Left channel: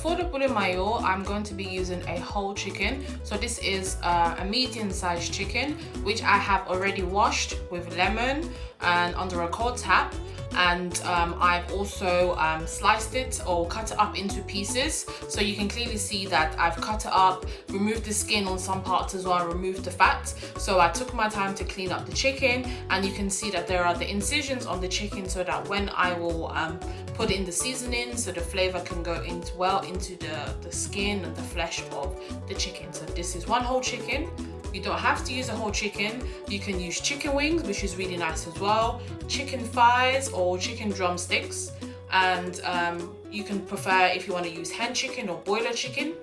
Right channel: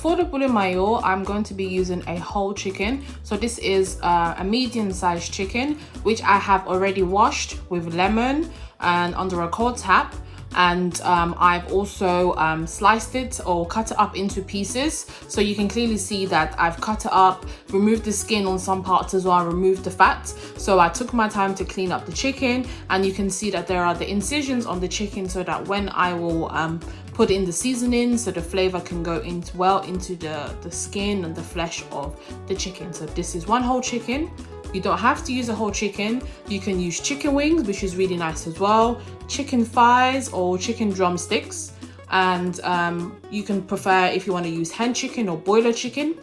for the poulet mayo, I'm going to be using a whole chicken. So this is a medium-sized chicken, which I have already washed with lemon and under a cold tap. And I've also sliced it or cut it up into pieces, so you can clearly see that I've cut it up, removed the skin on some parts as well, removed the fat. So I took my time to clean up the chicken, and you can see that there are the incisions on the chicken so that when I will put in the seasoning, so the flavor can go into the skin and the flesh of the chicken. So this is one whole chicken. You don't have to use a whole chicken. You can use chicken wings, which is really nice as well, chicken thighs or chicken drumsticks. And you can prefer if you want to use hen chicken or boiler chicken,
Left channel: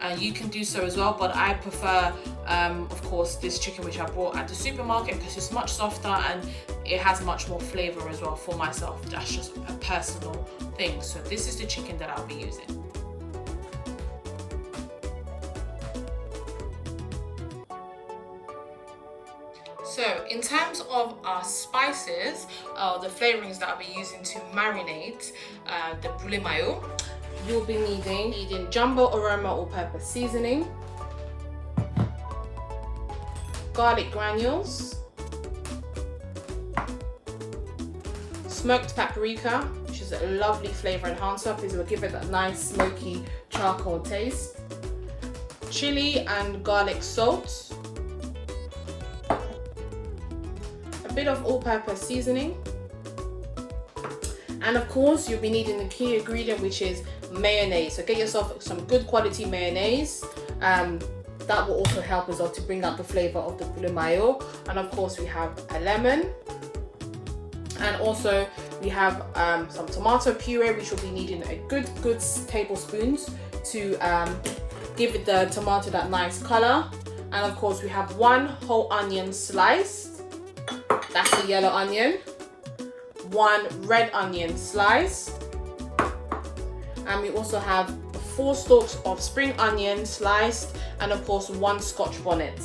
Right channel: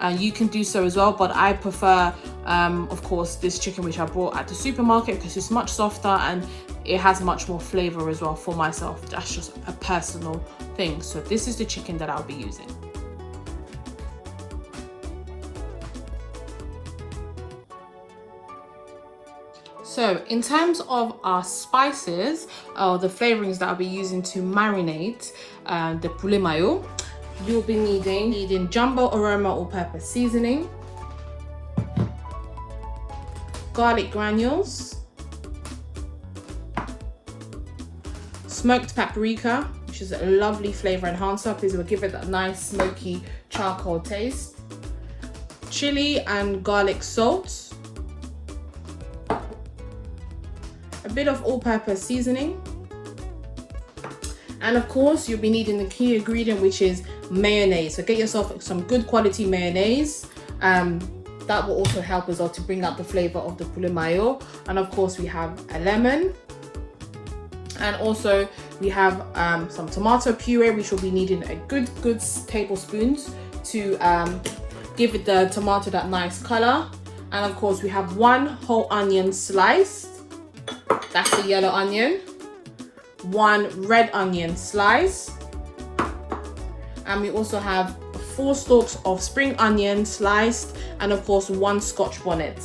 and you can do so as well. But I prefer, of course, this chicken which I bought at the supermarket because it's much softer and it has much more flavor as well for myself. That's just a personal thing. So this is the chicken that I'll be using. So in terms of our spices, the flavorings that I'll be using to marinate the poulet mayo, you'll be needing jumbo aroma all-purpose seasoning, garlic granules, smoked paprika, which is a lovely flavor enhancer because it will give it that nice smoky charcoal taste, chili and garlic salt, bit of all-purpose seasoning, and of course you'll be needing the key ingredient, which is mayonnaise. So get yourself some good quality mayonnaise. That will also help as well to bring out the flavor of the poulet mayo. And of course we have a lemon, and also we have some tomato puree, which will be needing a good tablespoons to give it the tomato that nice color. And of course we have one whole onion sliced. That's the yellow onion, one red onion slice, and we also have 4 stalks of spring onion sliced, and of course 1 Scotch bonnet.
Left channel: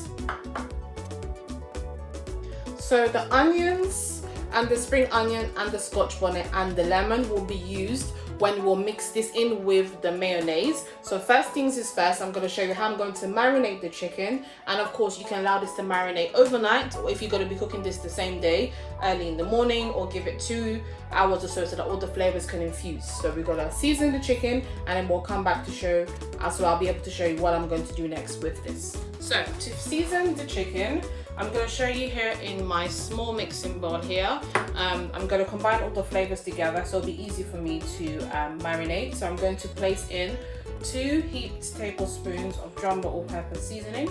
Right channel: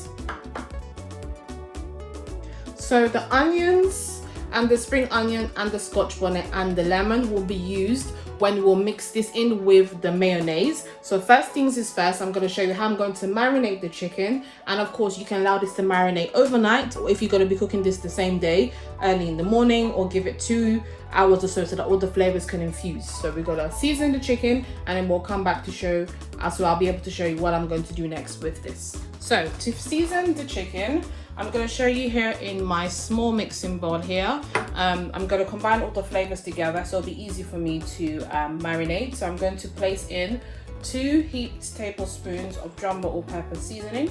So the onions and the spring onion and the Scotch bonnet and the lemon will be used when we'll mix this in with the mayonnaise. So first things is first, I'm going to show you how I'm going to marinate the chicken. And of course you can allow this to marinate overnight, or if you're going to be cooking this the same day, early in the morning, or give it 2 hours or so that all the flavors can infuse. So we're going to season the chicken, and then we'll come back to show, so I'll be able to show you what I'm going to do next with this. So to season the chicken, I'm going to show you here in my small mixing bowl here. I'm going to combine all the flavors together so it'll be easy for me to marinate. So I'm going to place in 2 heaped tablespoons of jumbo all-purpose seasoning,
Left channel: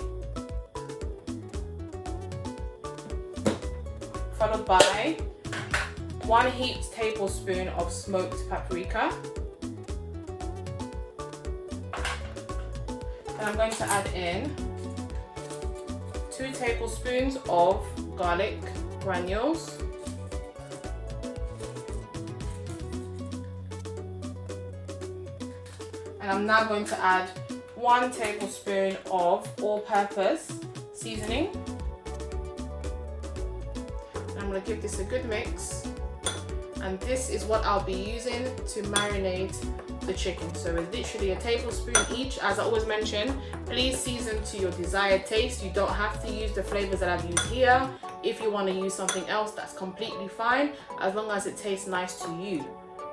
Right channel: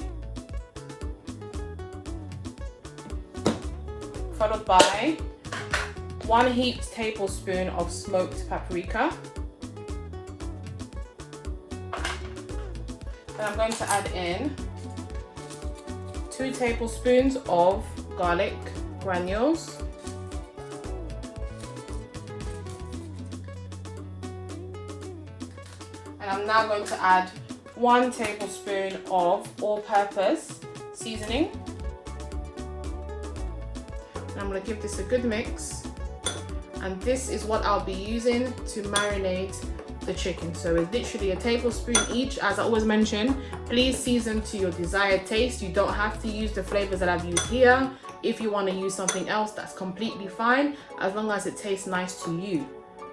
followed by 1 heaped tablespoon of smoked paprika. Then I'm going to add in 2 tablespoons of garlic granules, and I'm now going to add 1 tablespoon of all-purpose seasoning. I'm going to give this a good mix, and this is what I'll be using to marinate the chicken. So it's literally a tablespoon each. As I always mention, please season to your desired taste. You don't have to use the flavors that I've used here. If you want to use something else, that's completely fine, as long as it tastes nice to you.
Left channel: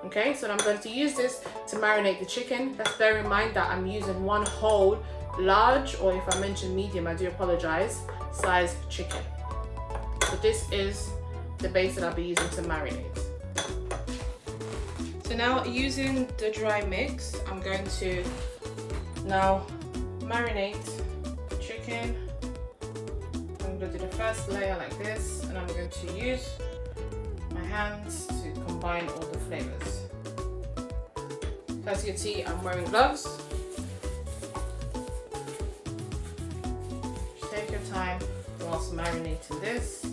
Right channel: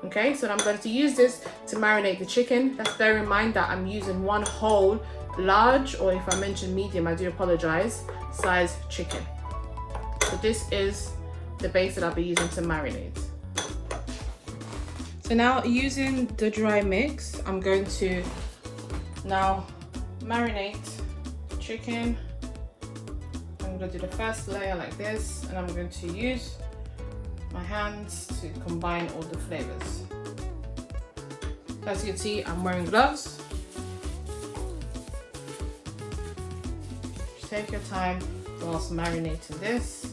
Okay, so I'm going to use this to marinate the chicken. Let's bear in mind that I'm using 1 whole large, or if I mention medium, I do apologize, size chicken. So this is the base that I'll be using to marinate. So now, using the dry mix, I'm going to now marinate the chicken. I'm going to do the first layer like this, and I'm going to use my hands to combine all the flavors. So as you can see, I'm wearing gloves. Just take your time whilst marinating this.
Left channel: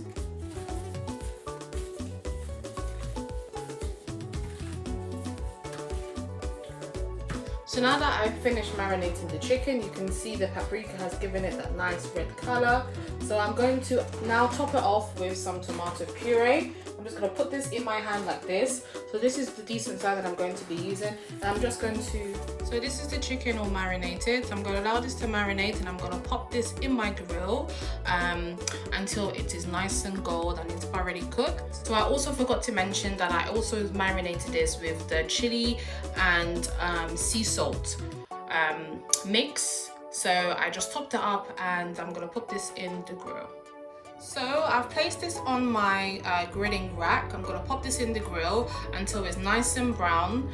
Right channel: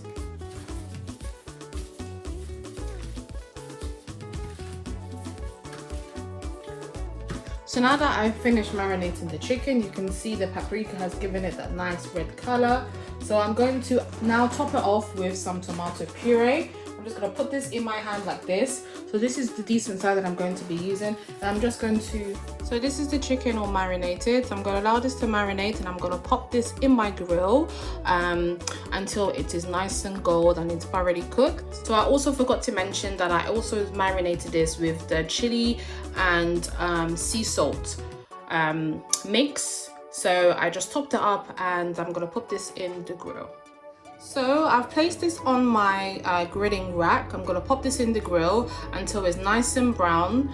So now that I've finished marinating the chicken, you can see the paprika has given it that nice red color. So I'm going to now top it off with some tomato puree. I'm just going gonna put this in my hand like this. So this is the decent size that I'm going to be using. And I'm just going to, so this is the chicken all marinated. So I'm gonna allow this to marinate, and I'm gonna pop this in my grill until it is nice and gold and it's already cooked. So I also forgot to mention that I also marinated this with the chili and sea salt mix. So I just topped it up, and I'm gonna put this in the grill. So I've placed this on my grilling rack. I'm gonna pop this in the grill until it's nice and brown.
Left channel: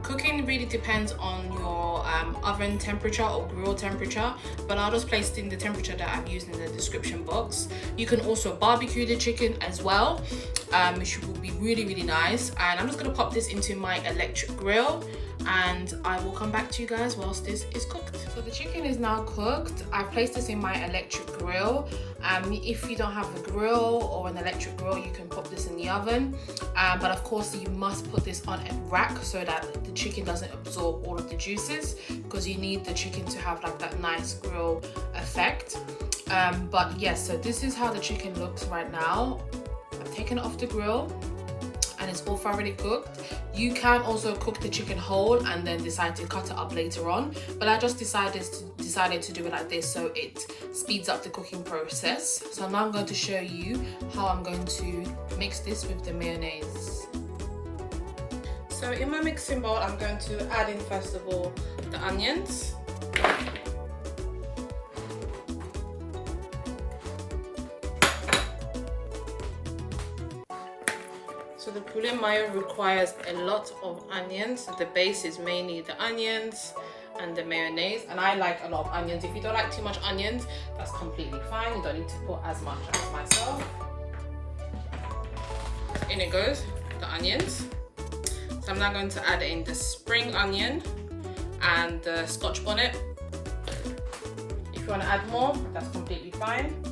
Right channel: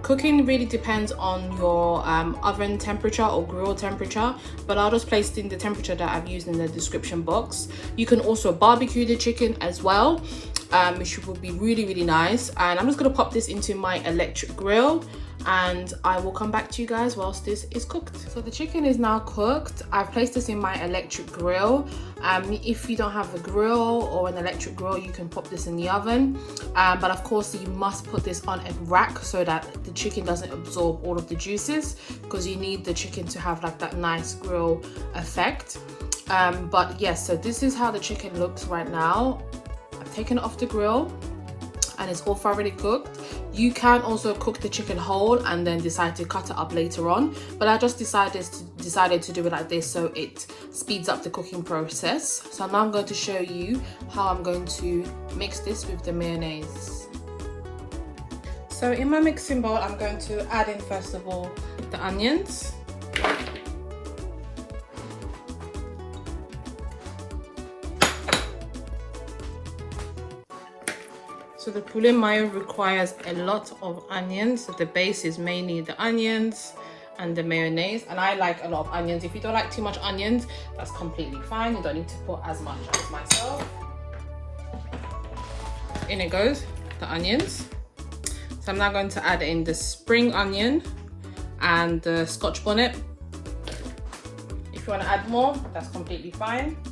Cooking really depends on your oven temperature or grill temperature, but I'll just place it in the temperature that I've used in the description box. You can also barbecue the chicken as well, which will be really nice. And I'm just gonna pop this into my electric grill, and I will come back to you guys whilst this is cooked. So the chicken is now cooked. I've placed this in my electric grill. If you don't have a grill or an electric grill, you can pop this in the oven, but of course you must put this on a rack so that the chicken doesn't absorb all of the juices, because you need the chicken to have like that nice grill effect. But yes, so this is how the chicken looks right now. I've taken it off the grill and it's all thoroughly cooked. You can also cook the chicken whole and then decide to cut it up later on, but I just decided to do it like this so it speeds up the cooking process. So now I'm going to show you how I'm going to mix this with the mayonnaise. So in my mixing bowl, I'm going to add in first of all the onions. So the poulet mayo requires a lot of onions. So the base is mainly the onions and the mayonnaise, and I like a lot of onions. If you don't like too much onions, that's completely fine. You don't need to put as much as myself. In it goes the onions. So I'm now going to add in the spring onion and the Scotch bonnet. If you want to add more, that's completely fine.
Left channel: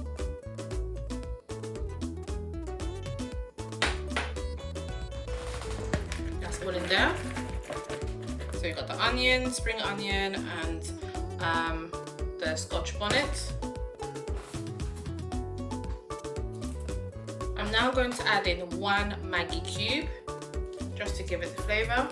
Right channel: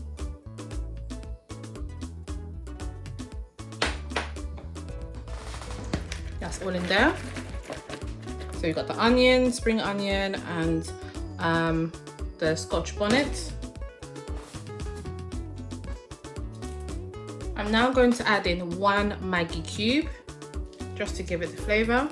That's all in there. So you've got the onion, spring onion, and the Scotch bonnet. I'm now going to add in 1 Maggi Cube, just to give it the flavour.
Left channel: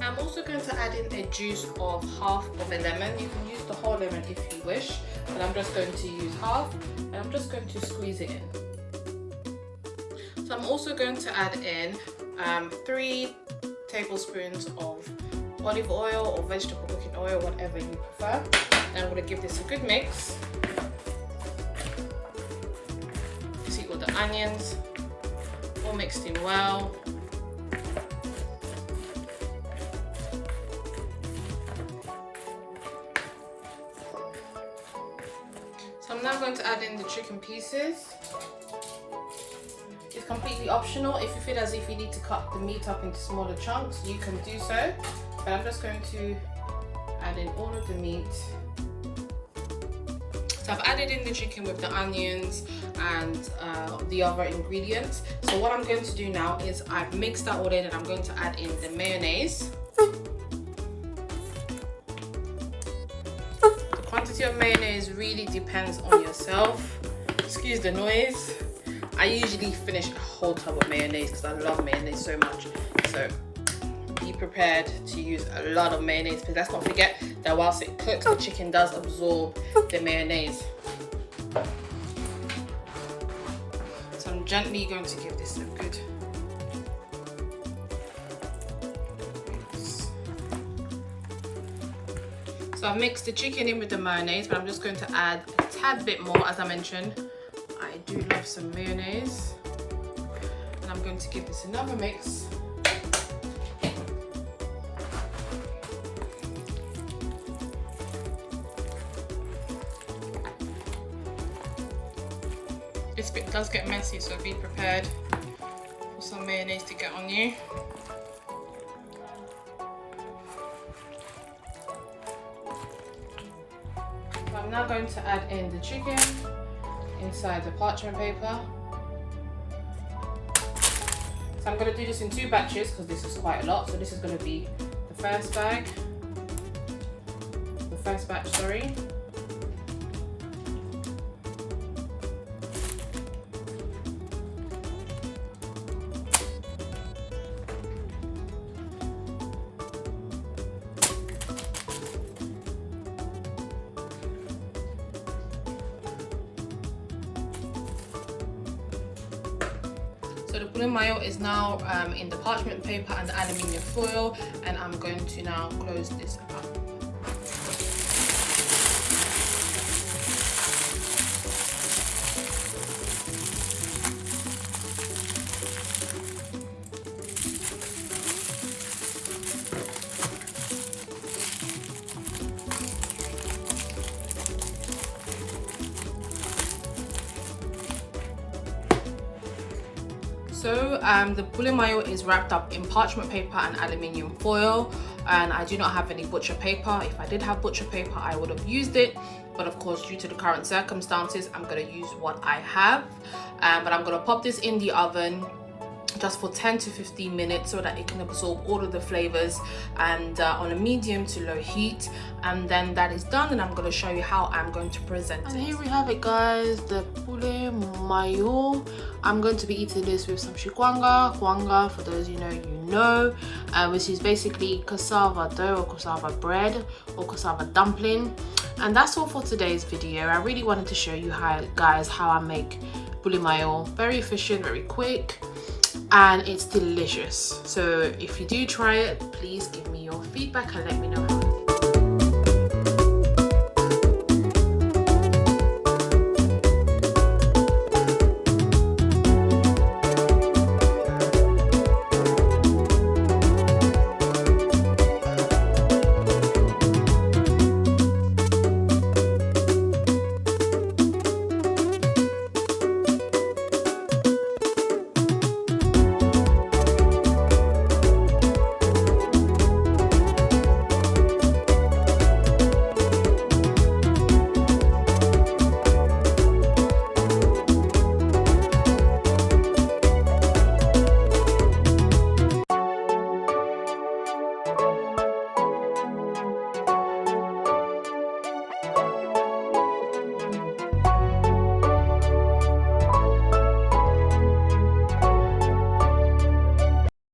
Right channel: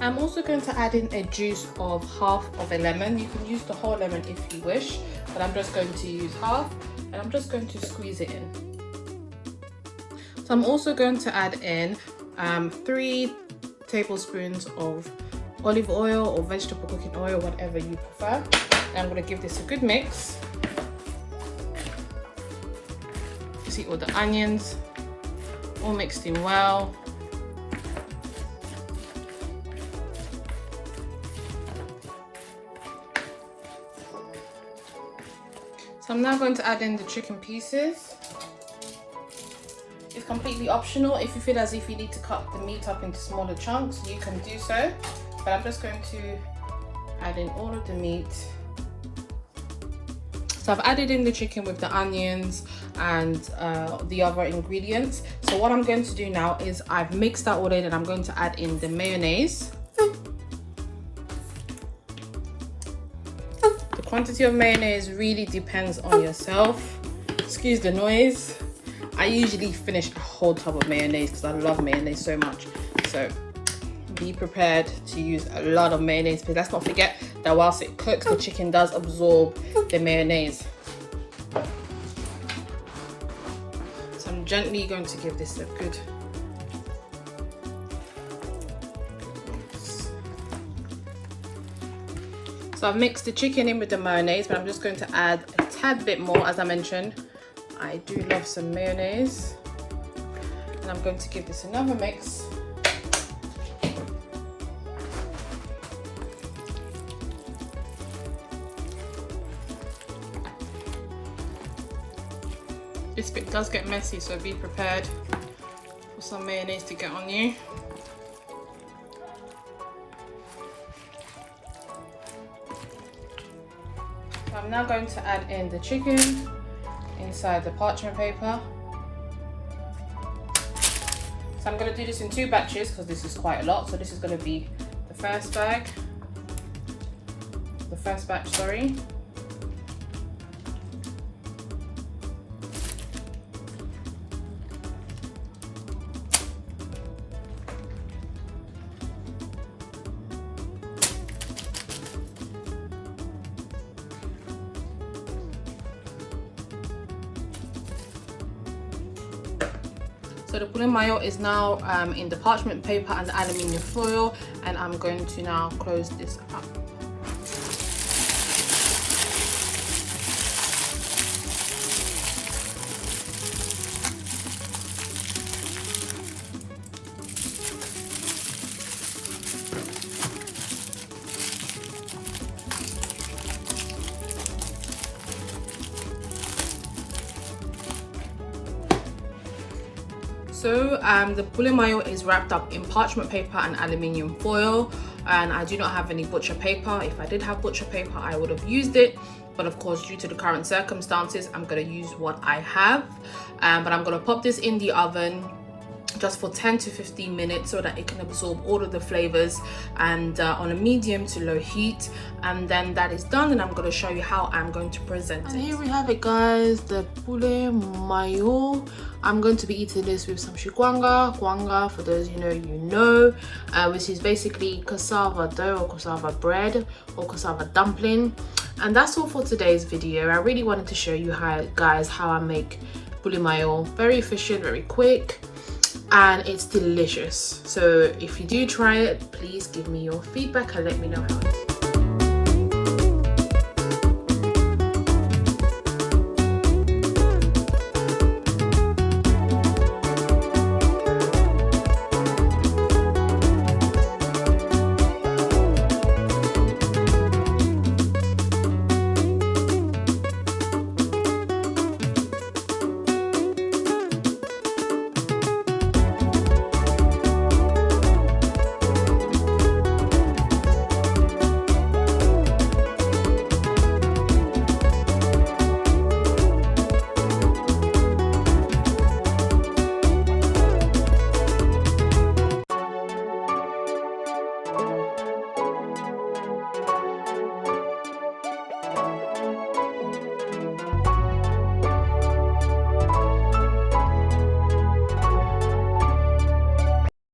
I'm also going to add in a juice of half of a lemon. You can use the whole lemon if you wish, but I'm just going to use half, and I'm just going to squeeze it in. So I'm also going to add in 3 tablespoons of olive oil or vegetable cooking oil, whatever you prefer. And I'm going to give this a good mix. See all the onions all mixed in well. So I'm now going to add in the chicken pieces. It's completely optional. If you feel as if you need to cut the meat up into smaller chunks, you can do so. But I'm just going to add in all of the meat. So I've added in the chicken with the onions and the other ingredients. So what I'm going to do now is I've mixed that all in, and I'm going to add in the mayonnaise. The quantity of mayonnaise really depends on yourself. Excuse the noise. I usually finish a whole tub of mayonnaise because I love mayonnaise so much. So be prepared to use a lot of mayonnaise, because let's not forget that whilst it cooks, the chicken does absorb the mayonnaise. So I'm gently going to give this a good mix. So I've mixed the chicken in with the mayonnaise, but I'm just going to add a tad bit more. As I mentioned, I do love some mayonnaise, and I'm going to give this another mix. This bit does get messy, so be prepared for some mayonnaise to get on you. I'm now going to add in the chicken inside the parchment paper. So I'm going to do this in 2 batches because this is quite a lot. So this is going to be the first batch, sorry. So the poulet mayo is now in the parchment paper and the aluminium foil, and I'm going to now close this up. So the poulet mayo is wrapped up in parchment paper and aluminium foil, and I do not have any butcher paper. If I did have butcher paper, I would have used it, but of course, due to the current circumstances, I'm going to use what I have. But I'm going to pop this in the oven just for 10 to 15 minutes so that it can absorb all of the flavors, and on a medium to low heat. And then that is done, and I'm going to show you how I'm going to present it. And here we have it, guys, the poulet mayo. I'm going to be eating this with some kwanga. Kwanga, for those you know, which is basically cassava dough or cassava bread or cassava dumpling. And that's all for today's video. I really wanted to show you guys how I make poulet mayo. Very efficient, very quick, and it's delicious. So if you do try it, please give me your feedback and let me know how it is.